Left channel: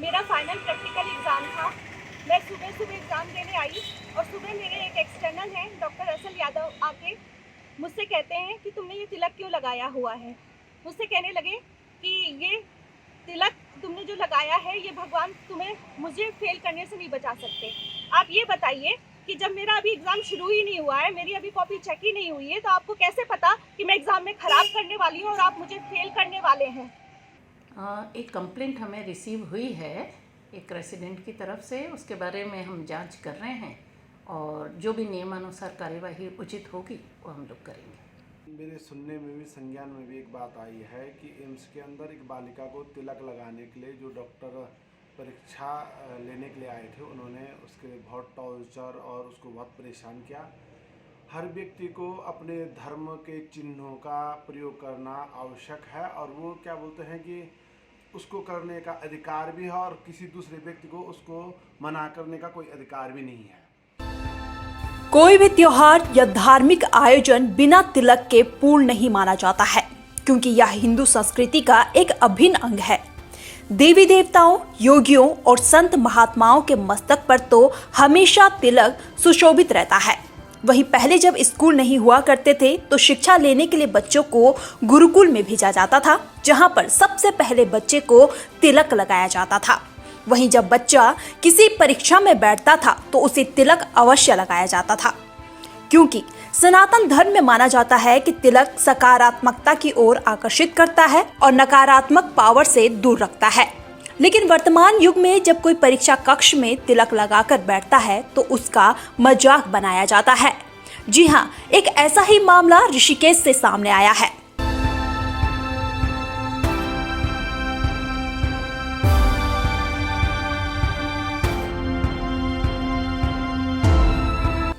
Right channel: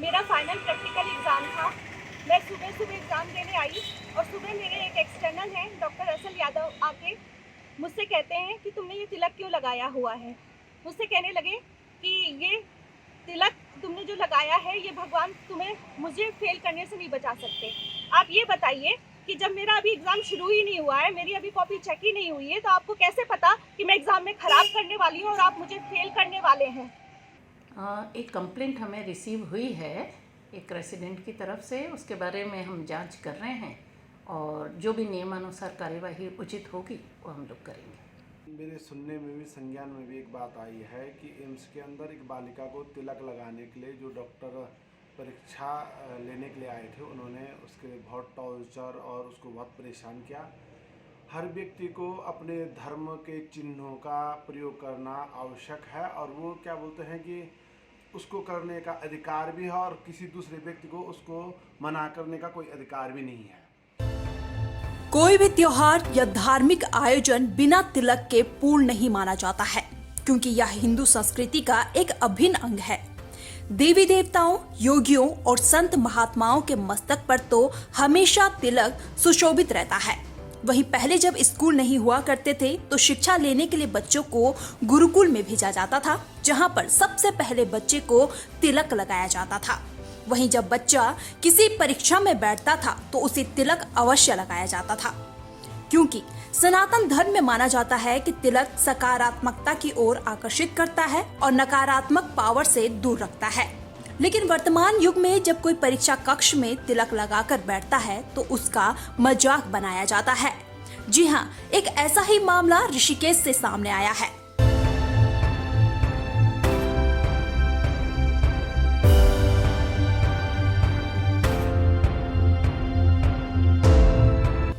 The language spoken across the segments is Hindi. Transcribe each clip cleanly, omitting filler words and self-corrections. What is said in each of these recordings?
मेरा फाइनल प्रैक्टिकल एग्ज़ाम था। मैं सुबह सुबह एग्ज़ाम देने आई और सुबह मेरे एक एक्सटर्नल हैं डॉक्टर असल यादव आके मुझसे कहते हैं कि तुमने ये तिलक क्यों लगाया हुआ है। मुझसे कहने लगे कि ये तिलक तुमने जो लगाया है ये भगवान तुम्हें मुझे फेल करने से नहीं बचा सकते। आप ये बताइए कि जब मेरा अभी एग्ज़ाम शुरू ही नहीं हुआ है, मेरी अभी कॉपी चेक ही नहीं हुई है, तो आपको कैसे पता कि मैं एग्ज़ाम में ख़राब करने वाली हूँ और आप मुझे फेल करने वाले हैं। एक कंप्लेंट हमें रिसीव हुई है एक रेसिडेंट की तरफ से। उसके बारे में हम जांच कर रहे हैं और जो भी नियमानुसार कार्यवाही उचित होगी वो हम लोग करेंगे। मेरे सुनने में भी संज्ञान में भी एक बात आई है कि एम्स के अंदर एक बालिका को तिलक लगाने के लिए जो डॉक्टर परीक्षा लेने के लिए आए थे, उन्होंने उसके बहुत टॉर्चर और उसको बहुत परेशान किया। हर व्यक्ति को अपने धर्म के चिन्हों का प्रयोग करना आवश्यक है और वो क्या बोलते हैं कि उसको करने का अधिकार भी है और किसी दूसरे व्यक्ति को उसको मना करने का कोई अधिकार भी नहीं है। कोई भी त्योहार या धार्मिक आयोजन बिना तिलक के पूर्ण नहीं माना जाता है, क्योंकि यह हिंदू संस्कृति का एक अभिन्न अंग है। देवी देवताओं, योगियों और संत महात्माओं के मस्तक पर तो हमेशा तिलक सुशोभित रहता है। वहीं पहले जब स्कूल नहीं हुआ करते थे तो शिक्षा लेने के लिए बच्चों को गुरुकुल में भेजा जाता था, जहां पर सबसे पहले बच्चे को तिलक लगाया जाता था। वहीं जब बच्चा किसी परीक्षा में बैठता था तो उसे तिलक अवश्य लगाया जाता था, क्योंकि सनातन धर्म में माना जाता है कि तिलक सकारात्मकता की ओर आकर्षित करता है और नकारात्मक पावर से दूर रखता है। लेकिन वर्तमान युग में जब कोई परीक्षा कक्ष में तिलक लगाकर बैठता है तो उसका मजाक बनाया जाता है। जी हाँ, एक ऐसा ही मामला ऋषिकेश से सामने आया है।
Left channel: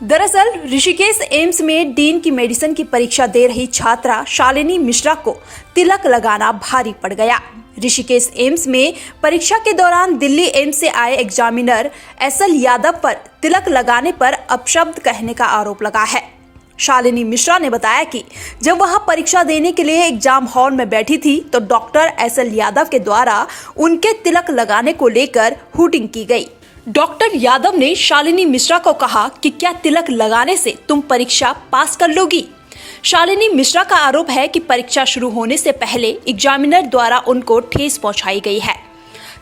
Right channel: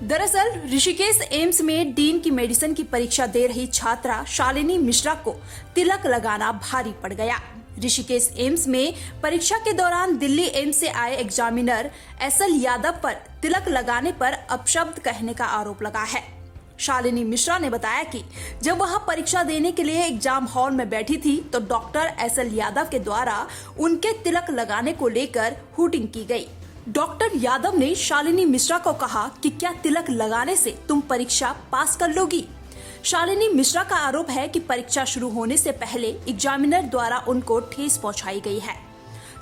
दरअसल ऋषिकेश एम्स में डीन की मेडिसिन की परीक्षा दे रही छात्रा शालिनी मिश्रा को तिलक लगाना भारी पड़ गया। ऋषिकेश एम्स में परीक्षा के दौरान दिल्ली एम्स से आए एग्जामिनर एसएल यादव पर तिलक लगाने पर अपशब्द कहने का आरोप लगा है। शालिनी मिश्रा ने बताया कि जब वहां परीक्षा देने के लिए एग्जाम हॉल में बैठी थी तो डॉक्टर एसएल यादव के द्वारा उनके तिलक लगाने को लेकर हूटिंग की गई। डॉक्टर यादव ने शालिनी मिश्रा को कहा कि क्या तिलक लगाने से तुम परीक्षा पास कर लोगी। शालिनी मिश्रा का आरोप है कि परीक्षा शुरू होने से पहले एग्जामिनर द्वारा उनको ठेस पहुंचाई गई है।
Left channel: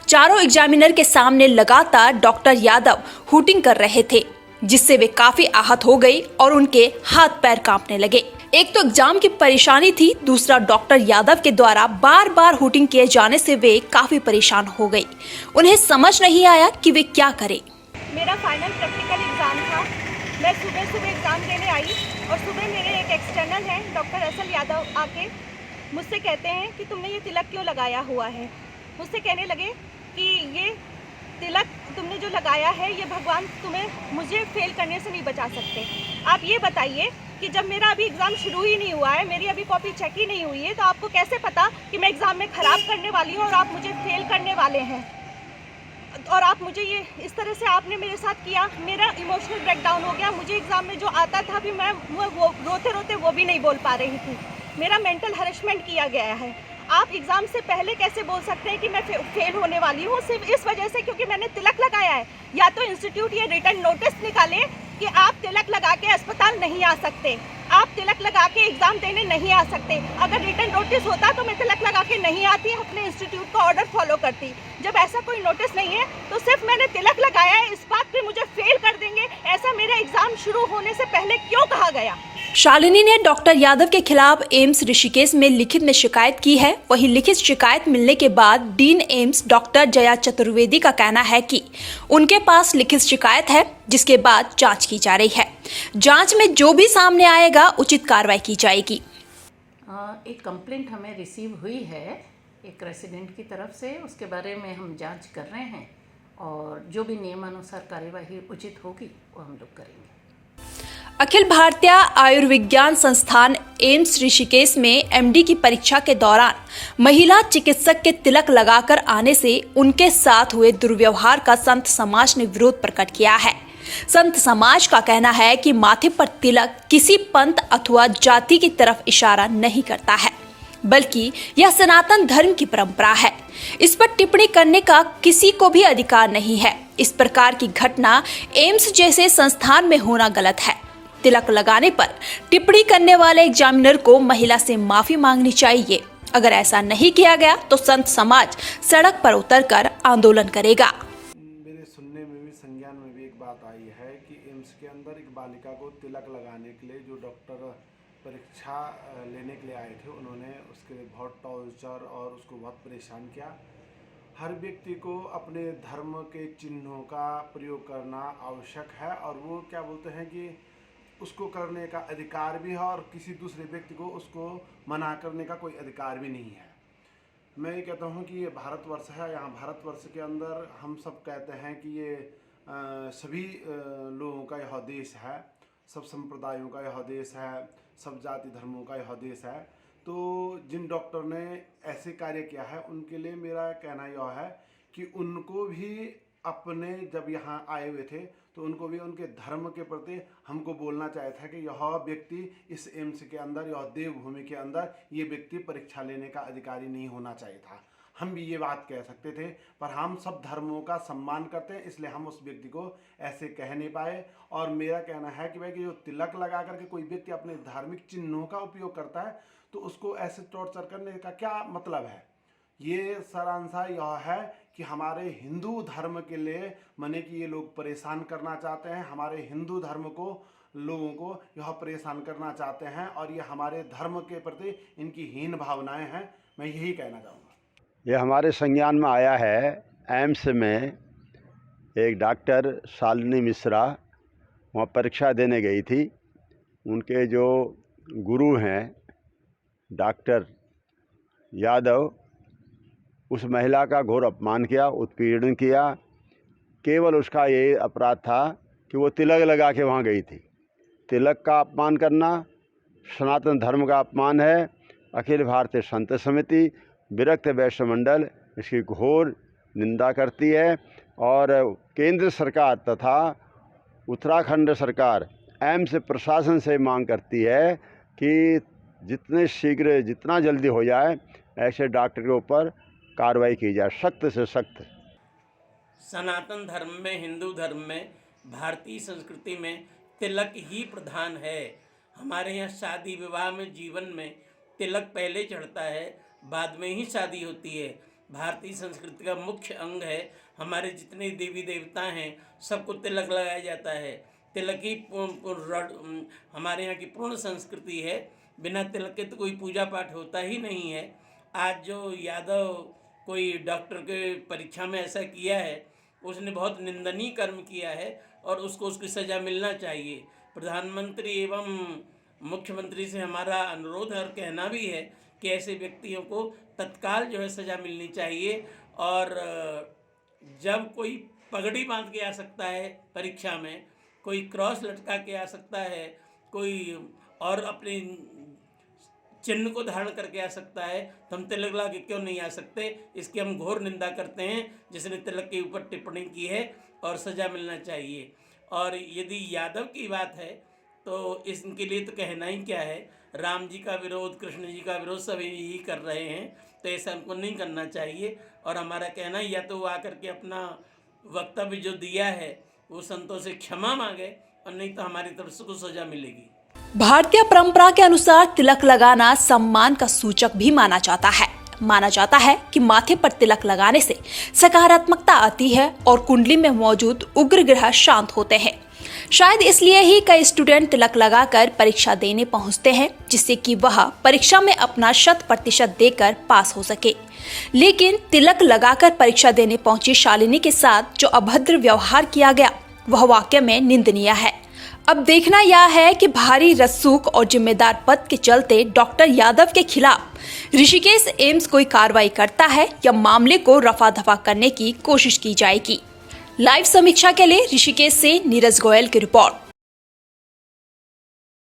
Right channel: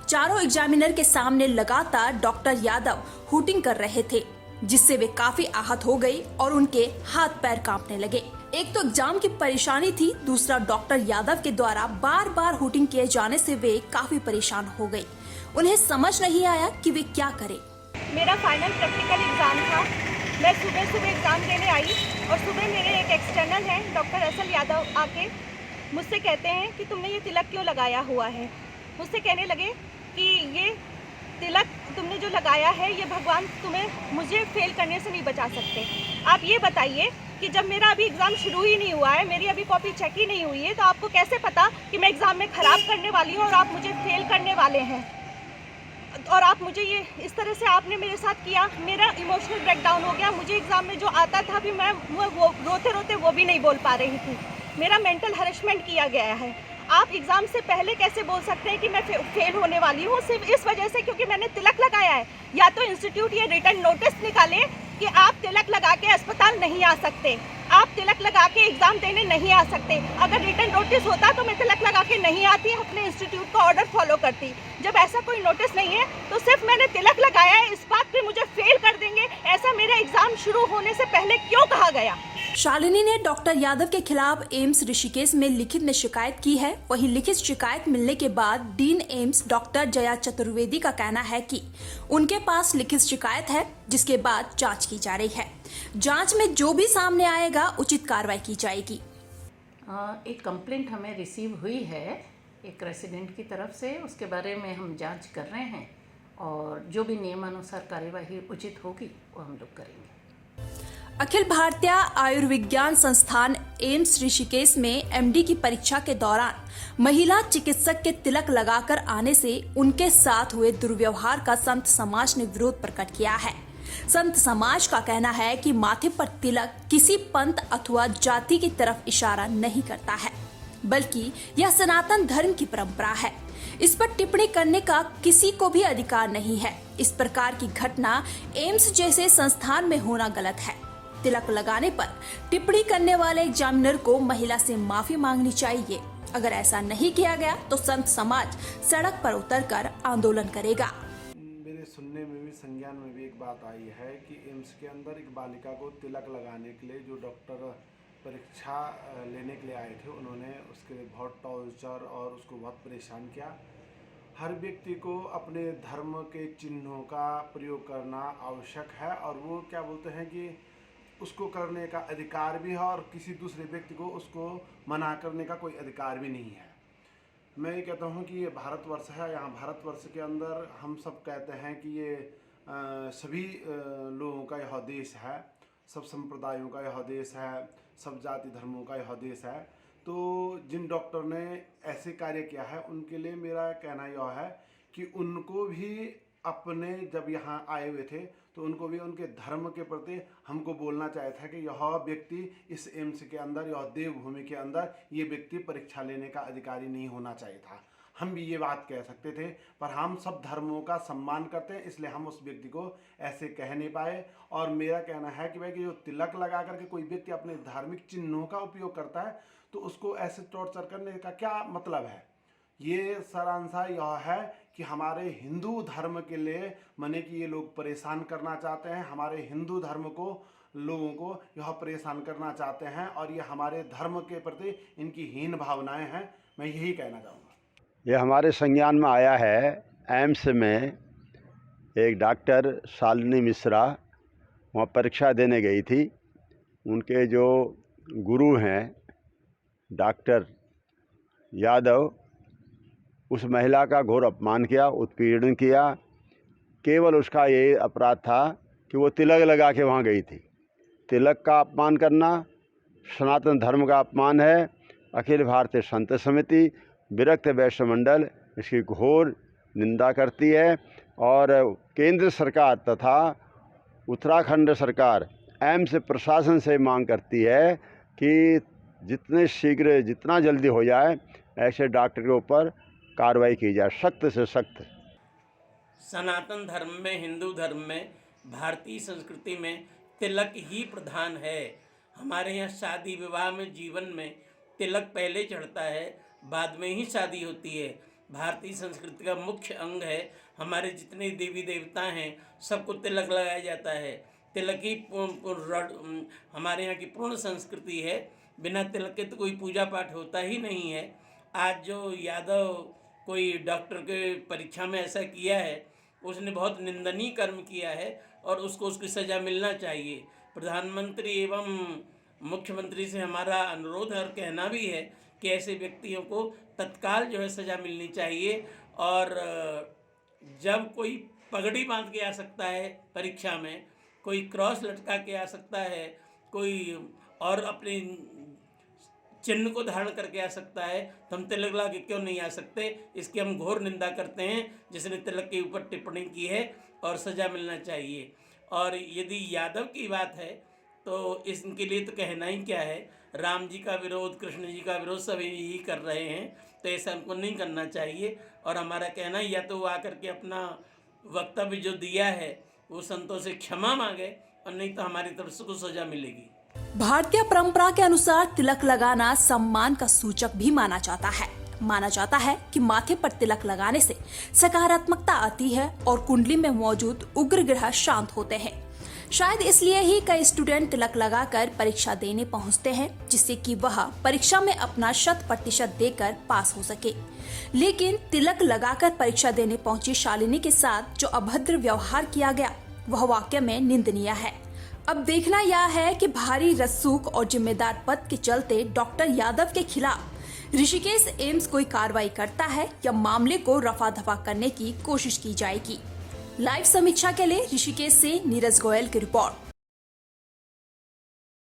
चारों एग्जामिनर के सामने लगातार डॉक्टर यादव हूटिंग कर रहे थे, जिससे वे काफी आहत हो गई और उनके हाथ पैर कांपने लगे। एक तो एग्जाम की परेशानी थी, दूसरा डॉक्टर यादव के द्वारा बार बार हूटिंग किए जाने से वे काफी परेशान हो गई। उन्हें समझ नहीं आया कि वे क्या करें। मेरा फाइनल प्रैक्टिकल एग्ज़ाम था। मैं सुबह सुबह एग्ज़ाम देने आई और सुबह मेरे एक एक्सटर्नल हैं डॉक्टर असल यादव आके मुझसे कहते हैं कि तुमने ये तिलक क्यों लगाया हुआ है। मुझसे कहने लगे कि ये तिलक तुमने जो लगाया है ये भगवान तुम्हें मुझे फेल करने से नहीं बचा सकते। आप ये बताइए कि जब मेरा अभी एग्ज़ाम शुरू ही नहीं हुआ है, मेरी अभी कॉपी चेक ही नहीं हुई है, तो आपको कैसे पता कि मैं एग्ज़ाम में ख़राब करने वाली हूँ और आप मुझे फेल करने वाले हैं। और आप मुझे ये इस तरह से आपने मेरे साथ किया, मेरा इमोशनल ब्रेकडाउन हो गया। मुझे एग्ज़ाम में जो आता था भी मैं वो रोते रोते वो भी नहीं बोल पा रही थी। मेरा मेंटल हरेसमेंट किया गया है। आप एग्ज़ाम से पहले कैसे बोल सकते हैं कि मैं फेल होने वाली हूँ? सिर्फ इस वजह से क्योंकि मैंने तिलक लगाया है। या तो इंस्टीट्यूट ये रिटर्न नोटिस निकाले कि आप तिलक लगा के अस्पताल नहीं आ सकते, आप तिलक लगा के एग्ज़ाम देने नहीं आ सकते। अगर रिटर्न नोटिस होता तो मैं तिलक लगा के नहीं आती, अपने इंस्टीट्यूट का ऑर्डर फॉलो करती। जब ऐसा कोई नोटिस नहीं है तो सिर्फ मैंने तिलक लगाया है, इस बात पे मुझे फेल कर देंगे, ऐसा मेरा एग्ज़ाम शुरू होने से पहले क्यों कहा गया? शालिनी ने डॉक्टर यादव के खिलाफ एम्स ऋषिकेश में लिखित में शिकायत की है। वहीं लिखित शिकायत मिलने के बाद dean AIIMS doctor Jaya Chaturvedi का कहना है कि उनके पास लिखित शिकायत है, जिसके बाद जांच की जा रही है। जांच में जो भी सामने आएगा उचित कार्रवाई की जाएगी। एक कंप्लेंट हमें रिसीव हुई है एक रेसिडेंट की तरफ से। उसके बारे में हम जांच कर रहे हैं और जो भी नियमानुसार कार्यवाही उचित होगी वो हम लोग करेंगे। अखिल भारतीय आयुर्विज्ञान संस्थान एम्स ऋषिकेश में एमडी की परीक्षा के दौरान महिला चिकित्सक के तिलक लगाकर आने से उनके साथ हुए दुर्व्यवहार का संत समाज ने विरोध प्रकट किया है। संत समाज का कहना है कि माथे पर तिलक किसी पंथ अथवा जाति की तरफ इशारा नहीं करता है, बल्कि यह सनातन धर्म की परंपरा है। इस पर टिप्पणी करने का किसी को भी अधिकार नहीं है। इस प्रकार की घटना एम्स जैसे संस्थान में होना गलत है। तिलक लगाने पर टिप्पणी करने वाले एग्जामिनर को महिला से माफी मांगनी चाहिए। अगर ऐसा नहीं किया गया तो संत समाज सड़क पर उतरकर आंदोलन करेगा। मेरे सुनने में भी, संज्ञान में भी एक बात आई है कि एम्स के अंदर एक बालिका को तिलक लगाने के लिए जो डॉक्टर परीक्षा लेने के लिए आए थे, उन्होंने उसके लिए बहुत टॉर्चर और उसको बहुत परेशान किया। हर व्यक्ति को अपने धर्म के चिन्हों का प्रयोग करना आवश्यक है और वो क्या बोलते हैं कि उसको करने का अधिकार भी है और किसी दूसरे व्यक्ति को उसको मना करने का कोई अधिकार भी नहीं है। मैं ये कहता हूँ कि ये भारतवर्ष है। यहाँ भारतवर्ष के अंदर हम सब कहते हैं कि ये सभी लोगों का यह देश है, सब संप्रदायों का यह देश है, सब जाति धर्मों का यह देश है। तो जिन डॉक्टर ने ऐसे कार्य किया है उनके लिए मेरा कहना यह है कि उनको भी अपने जब यहाँ आए हुए थे तो उनको भी उनके धर्म के प्रति हमको बोलना चाहिए था कि यह व्यक्ति इस एम्स के अंदर, यह देवभूमि के अंदर ये व्यक्ति परीक्षा लेने का अधिकारी नहीं होना चाहिए था। हम भी ये बात कह सकते थे, पर हम सब धर्मों का सम्मान करते हैं, इसलिए हम उस व्यक्ति को ऐसे कह नहीं पाए। और मेरा कहना है कि भाई कि जो तिलक लगा करके कोई व्यक्ति अपने धार्मिक चिन्हों का उपयोग करता है तो उसको ऐसे टॉर्चर करने का क्या मतलब है। ये सारांशा यह है कि हमारे हिंदू धर्म के लिए माने कि ये लोग परेशान करना चाहते हैं, हमारे हिंदू धर्म को लोगों को यह परेशान करना चाहते हैं और ये हमारे धर्म के प्रति इनकी हीन भावनाएं हैं। मैं यही कहना चाहूँगा। ये हमारे संज्ञान में आया है, एम्स में एक डॉक्टर शालिनी मिश्रा वहाँ परीक्षा देने गई थी। उनके जो गुरु हैं डॉक्टर यादव, उस महिला का घोर अपमान किया, उत्पीड़न किया। केवल उसका ये अपराध था कि वो तिलक लगा के वहाँ गई थी। तिलक का अपमान करना सनातन धर्म का अपमान है। अखिल भारतीय संत समिति विरक्त वैश्य मंडल इसकी घोर निंदा करती है और केंद्र सरकार तथा उत्तराखंड सरकार एम्स प्रशासन से मांग करती है कि जितने शीघ्र जितना जल्दी हो जाए ऐसे डॉक्टर के ऊपर कार्रवाई की जाए, सख्त से सख्त। सनातन धर्म में, हिंदू धर्म में, भारतीय संस्कृति में तिलक ही प्रधान है। हमारे यहाँ शादी विवाह में, जीवन में तिलक पहले चढ़ता है, बाद में ही शादी होती है। भारतीय संस्कृति का मुख्य अंग है। हमारे जितने देवी देवता हैं सबको तिलक लगाया जाता है। तिलक ही हमारे यहाँ की पूर्ण संस्कृति है। बिना तिलक के तो कोई पूजा पाठ होता ही नहीं है। आज जो यादव कोई डॉक्टर के परीक्षा में ऐसा किया है, उसने बहुत निंदनीय कर्म किया है और उसको उसकी सज़ा मिलना चाहिए। प्रधानमंत्री एवं मुख्यमंत्री से हमारा अनुरोध और कहना भी है कि ऐसे व्यक्तियों को तत्काल जो है सज़ा मिलनी चाहिए। और जब कोई पगड़ी बांध के आ सकता है परीक्षा में, कोई क्रॉस लटका के आ सकता है, कोई और अपने चिन्ह को धारण करके आ सकता है, तो हम तिलक लगा के क्यों नहीं आ सकते। इसकी हम घोर निंदा करते हैं जिसने तिलक के ऊपर टिप्पणी की है और सज़ा मिलना चाहिए। और यदि यादव की बात है तो इनके लिए तो कहना ही क्या है। राम जी का विरोध, कृष्ण जी का विरोध सब यही कर रहे हैं, तो ऐसा हमको नहीं करना चाहिए। और हमारा कहना या तो वो आकर के अपना वक्तव्य जो दिया है वो संतों से क्षमा मांगे और नहीं तो हमारी तरफ से कुछ सज़ा मिलेगी। भारतीय परंपरा के अनुसार तिलक लगाना सम्मान का सूचक भी माना जाता है। माना जाता है कि माथे पर तिलक लगाने से सकारात्मकता आती है और कुंडली में मौजूद उग्र ग्रह शांत होते हैं। शायद इसलिए ही कई स्टूडेंट तिलक लगाकर परीक्षा देने पहुंचते हैं, जिससे कि वह परीक्षा में अपना 100% देकर पास हो सके। लेकिन तिलक लगाकर परीक्षा देने पहुंची शालिनी के साथ जो अभद्र व्यवहार किया गया वह वाकई में निंदनीय है। अब देखना यह है कि भारी रसूख और जिम्मेदार पद के चलते डॉक्टर यादव के खिलाफ ऋषिकेश एम्स कोई कार्रवाई करता है या मामले को रफा दफा करने की कोशिश की जाएगी। लाइव समीक्षा के लिए ऋषिकेश से नीरज गोयल की रिपोर्ट।